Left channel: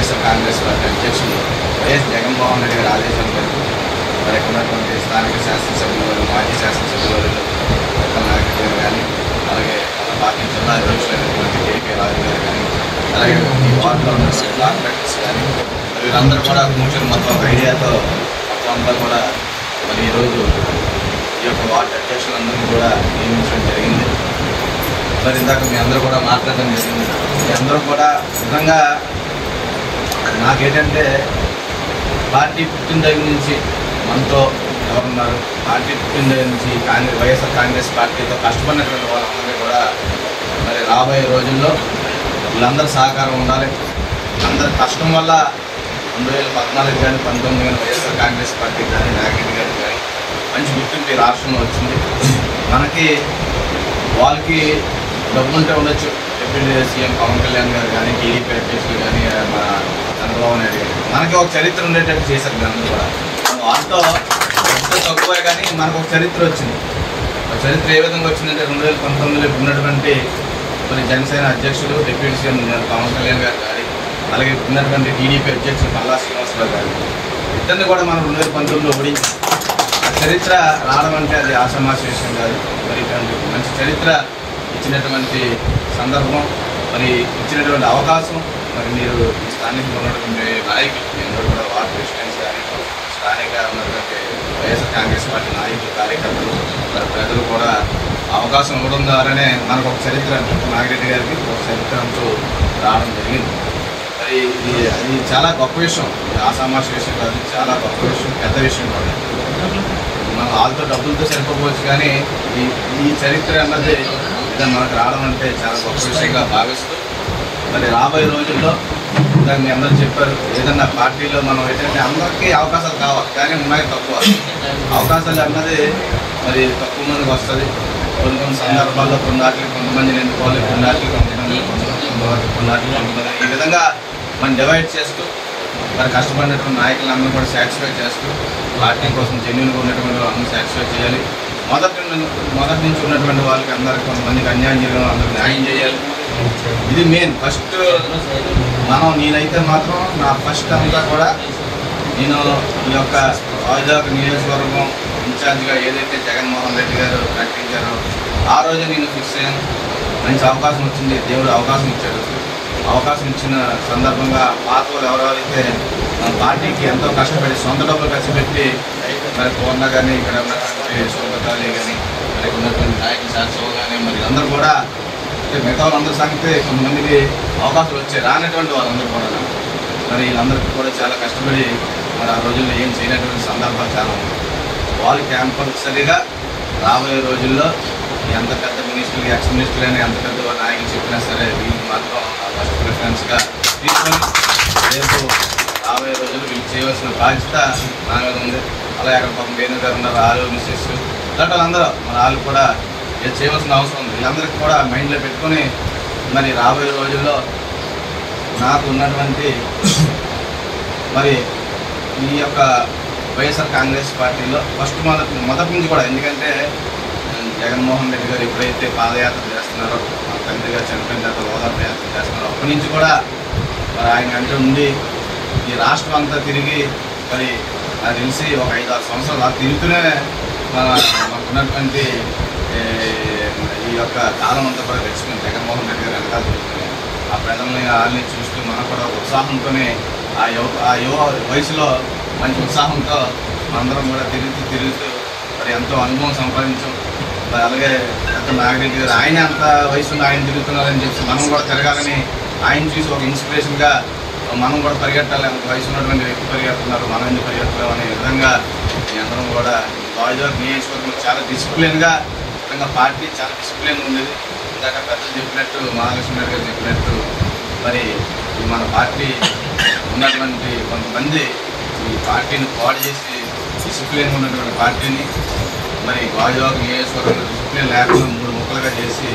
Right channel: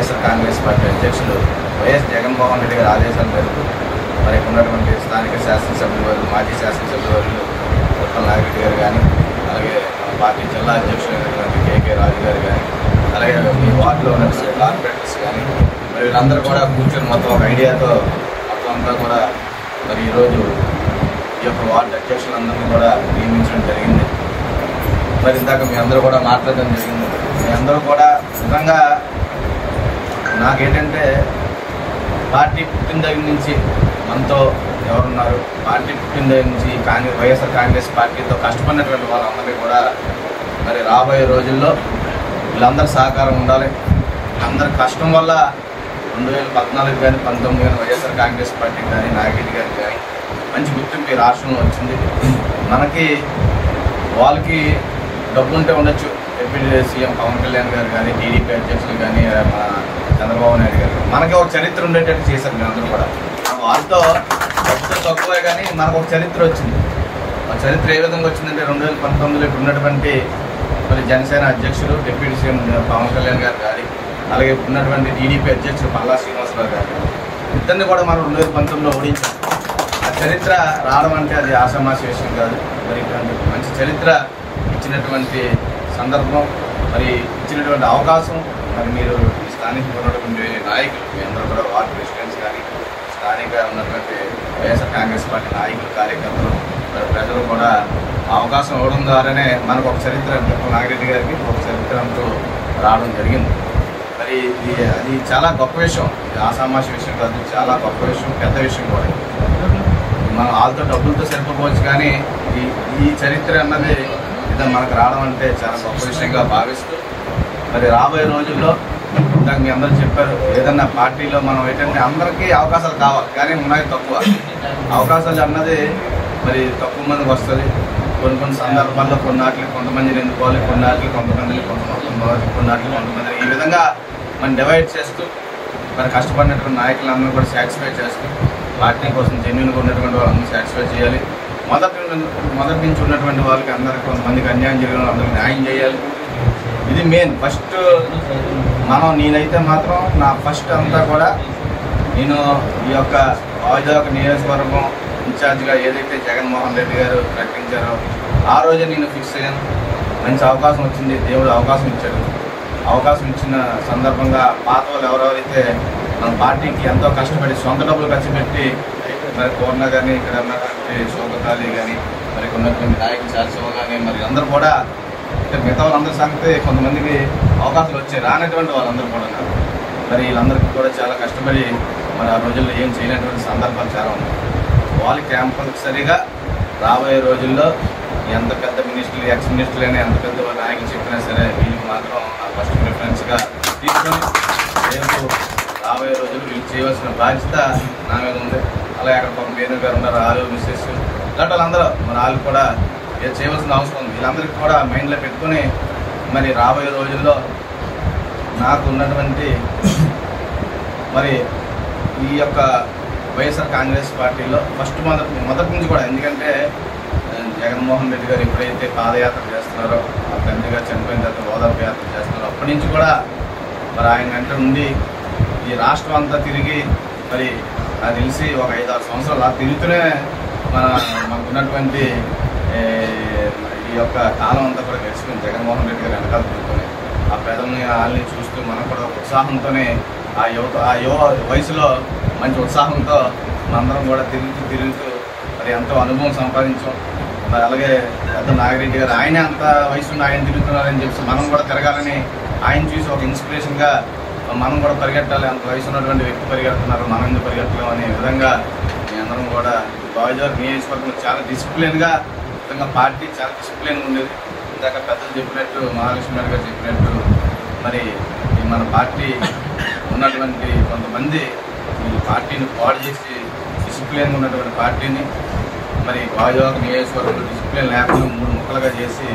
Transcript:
YSR Congress party అధ్యక్షులు YS Jaganmohan Reddy గారి ఆదేశాల మేరకు మరి ఇక్కడ ఉన్నటువంటి స్థానిక శాసనసభ్యులు వారు మాజీ శాసనసభ్యులు వారు ఉప్పల్ నాగిరెడ్డి గారు కానీ అలాగే మన పార్టీ జిల్లా అధ్యక్షులైనటువంటి కేకే రాజు గారు కానీ అలాగే ఈ వార్డులో ఉన్నటువంటి కార్పొరేటర్స్ కానీ మరి వీళ్ళందరూ కూడా కూర్చొని మొత్తం ఒక ఐడియాతో మొత్తం అంతా కూడా మరి ఈరోజు ఈ యొక్క వార్డు అధ్యక్షులందరినీ కూడా నియమించడం జరిగింది. మరి ఇందాక మీ అందరూ కూడా మాట్లాడడం జరిగింది. మీ అందరూ కూడా నిజంగా నాకేంటంటే పార్టీ పుట్టిన దగ్గర నుంచి మనతో ఎవరున్నారు, పార్టీ పుట్టిన దగ్గర నుంచి వైఎస్ఆర్ కాంగ్రెస్ పార్టీతో కష్టపడినటువంటి వాళ్ళందరినీ కూడా మరి రాబోయే రోజుల్లో వీళ్ళందరూ సహకారం ఉండాలి. అందరి కష్టం వల్ల 2014 కానీ 19 కానీ వైఎస్ఆర్ కాంగ్రెస్ పార్టీ కానీ నాగిరెడ్డి గారికి కానీ మంచి గుర్తింపు ఈ రాష్ట్రంలో వచ్చింది. మనకి వాళ్ళకి డబ్బు ఉంటే ఉండొచ్చు, డిప్యూటీ సీఎం పవన్ కళ్యాణ్ గారు కానీ టీడీపీ అధ్యక్షులు కానీ మన చంద్రబాబు నాయుడు గారు మనకి ఒక చరిత్ర ఉండేటట్టు చేశారు. అందరూ కూడా మనం వాళ్ళతో డబ్బుతో తక్కువే కానీ మనకు ఒక చరిత్ర వచ్చింది. ఆ చరిత్ర ఏ విధంగా వచ్చిందంటే 2019లో ఉన్నటువంటి మరి జనసేన అధ్యక్షుడు డిప్యూటీ సీఎం పవన్ కళ్యాణ్ గారు కానీ అలాగే ఉన్నటువంటి టీడీపీ అధ్యక్షుడు పల్లా శ్రీనివాసరావు గారు ఇద్దరిని కూడా మనం 2019లో ఓడించాం. ఆ చరిత్ర రావడం అంటే అది ఆషామాషి విషయం కాదు. మరి ఇటువంటి మంచి చరిత్ర ఇచ్చినటువంటి సందర్భం, మరి ఇచ్చినటువంటి అవకాశం, మరి మీరు స్థానికంగా ఉన్నటువంటి నాయకులు మీ అందరూ కూడా వార్డు ప్రెసిడెంట్స్ కానీ స్థానిక ఉన్నటువంటి వైఎస్ఆర్ కాంగ్రెస్ పార్టీ నాయకులు కార్యకర్తలు మరి ప్రజలు కూడా అవకాశం ఇవ్వడం ద్వారానే మనకు ఒక చరిత్ర నాగిరెడ్డి గారికి ఒక చరిత్ర అంటూ రావడం జరిగింది. మరి అది చాలా గొప్ప విషయం, ఆషామాషి విషయం కాదు, చాలా గొప్ప విషయం, పెద్ద విషయం కూడా. మనం వాళ్ళతో డబ్బులతో సరిపోవచ్చు కానీ ఈ చరిత్ర అన్నది మనకు రావడం అంటే చాలా గొప్ప విషయంగా భావిస్తూ మరి రాబోయే రోజుల్లో ఇందాక మీ అందరూ చెప్పారు, ఏదన్నా పార్టీలో మనం ఏంటంటే అందరికీ అవకాశాలు కావాలి కానీ ఉన్నాయి తక్కువ అవకాశాలు అన్నది మరి తక్కువ మందికి వస్తుంది. కొన్ని సందర్భాల్లో కొన్నాటికి కొంతమందిని ఎన్నుకోవాలి, కొన్నాటికి కొంతమంది కొంతమంది ఈ విధంగా మనం డివైడ్ చేస్తూ మరి కష్టపడినటువంటి నాయకులందరూ కూడా సాటిస్ఫై చేస్తూ పార్టీ కోసం జెన్యూన్గా ఉన్నటువంటి వాళ్ళందరూ సాటిస్ఫై చేయాలి. మొదటి నుంచి ఉన్నటువంటి వాళ్ళకి అందరికి కొంతమందికి అన్యాయం జరిగిన అందరికి న్యాయం చేయాలి. ఇది మెయిన్ ఫస్ట్. నేనైతే మాత్రం నా ఫస్ట్ అంతా కూడా నేను ఈ యొక్క వైజాగ్ నియోజకవర్గం ఇన్ఛార్జిగా ఏదైతే జగన్మోహన్ రెడ్డి గారు ప్రకటించారో ఆ రోజే నేను ఫిక్స్ అయ్యాను. మంచి అవకాశం వచ్చింది, దేవుడు అవకాశం ఇచ్చాడు. అవకాశం ఇచ్చిన సందర్భంగా పాత వాళ్ళు ఎవరెవరైతే మన పార్టీకి ఎంతో కష్టపడి సొంత డబ్బులు ఖర్చు పెట్టి మరి పూర్ణ కానీ ఇక్కడ ఉన్నటువంటి శోభతాలి కానీ మరి ఉన్నటువంటి నాయకులు శాసవ కానీ మరి అందరూ కూడా మిగతా వాళ్ళందరి సంగతి కొంతమందికి అవకాశాలు వచ్చాయి, రానటువంటి వాళ్ళందరూ కూడా మరి వీళ్ళందరికీ కూడా చాలా కష్టపడి మరి ఆ రోజుల్లో ఏం చేయనటువంటి సందర్భాలు చాలా ఉన్నాయి. వాళ్ళు కంపల్సరీగా రాబోయే రోజుల్లో ఎంత పెద్ద మినిస్టర్లు ఎక్స్ మినిస్టర్లు అయినా ఎంత పెద్ద నాయకులు చెప్పినా సరే వీళ్ళకి మాత్రం నా ఫస్ట్ ప్రిఫరెన్స్గా తీసుకొని రేపు రాబోయే రోజులు వీళ్ళు చేయవలసిన బాధ్యత నా మీద ఉంది. అలాగే అక్కడ పాపం వేణు గారు ఉన్నారు, ఆలు మిస్సెస్ ఇలాంటి వాళ్ళందరూ మరి వాళ్ళు కూడా నేను చేయవలసిన అవసరం ఉంది. వీళ్ళందరికీ కూడా మైండ్లో పెట్టుకొని మరి రాబోయే రోజుల్లో నాకు ఉన్నటువంటి మరి ఈ యొక్క వైఎస్ఆర్ కాంగ్రెస్ పార్టీలో ఫస్ట్ మొదటి నుంచి కూడా, ఎందుకంటే జగన్మోహన్ రెడ్డి గారు ఎప్పుడైతే పాదయాత్ర చేస్తున్నారో మా తండ్రి గారు చనిపోయిన తర్వాత ఓదార్పు యాత్ర చేస్తున్నారో అప్పటి నుంచి కూడా మరి ఆయన వెంట ఉండి ఈ రాష్ట్రం అంతా తిరిగి మరి నాకు తెలిసి ఒక 5-6 సంవత్సరాలు అలా తిరుగుతూనే మనకున్నటువంటి ఈ యొక్క కాలం అంతా కూడా గడిచిపోయింది. జగన్మోహన్ రెడ్డి గారు వెనకాల తిరుగుతుంది ఆ ప్రజల్ని వాళ్ళని చూస్తూ మనం కూడా ఉత్సాహంతోనే ఆ యువ వయసులో మంచి ఉత్సాహంతో మనందరం కూడా తిరుగుతూ మరి ఎంతో అనుభవం సంపాదించాం. అలాగే పెద్ద నాగిరెడ్డి గారు ఆయన అంత వయసులో ఆయన తిరుగుతున్నారని చెప్పి మనం కూడా తిరగాలని ఆయన చూసి ఒక ఇన్స్పిరేషన్గా మనం కూడా పరిగెట్టాలి, అంత వయసు ఉన్నటువంటి వ్యక్తి పరిగెడుతున్నారు, మనం ఎందుకు పరిగెత్తలేం అనే విధంగా మీ అందరం కూడా వైజాగ్ నియోజకవర్గంలో చాలా డిసిప్లిన్గా విధంగా పార్టీ చాలా డిసిప్లిన్ ఉండేది. ఇందాక పెద్దలు చెప్పినట్టు మహాలక్ష్మి గారు చెప్పినట్టు మరి మన పార్టీ ఉన్నటువంటి కొంతమంది ఈ పార్టీని పాడు చేసి డిసిప్లిన్గా ఉన్నటువంటి పార్టీని మరి వైజాగ్ నియోజకవర్గంలో డిసిప్లిన్ లేకుండా 3 ముక్కలుగా చేసి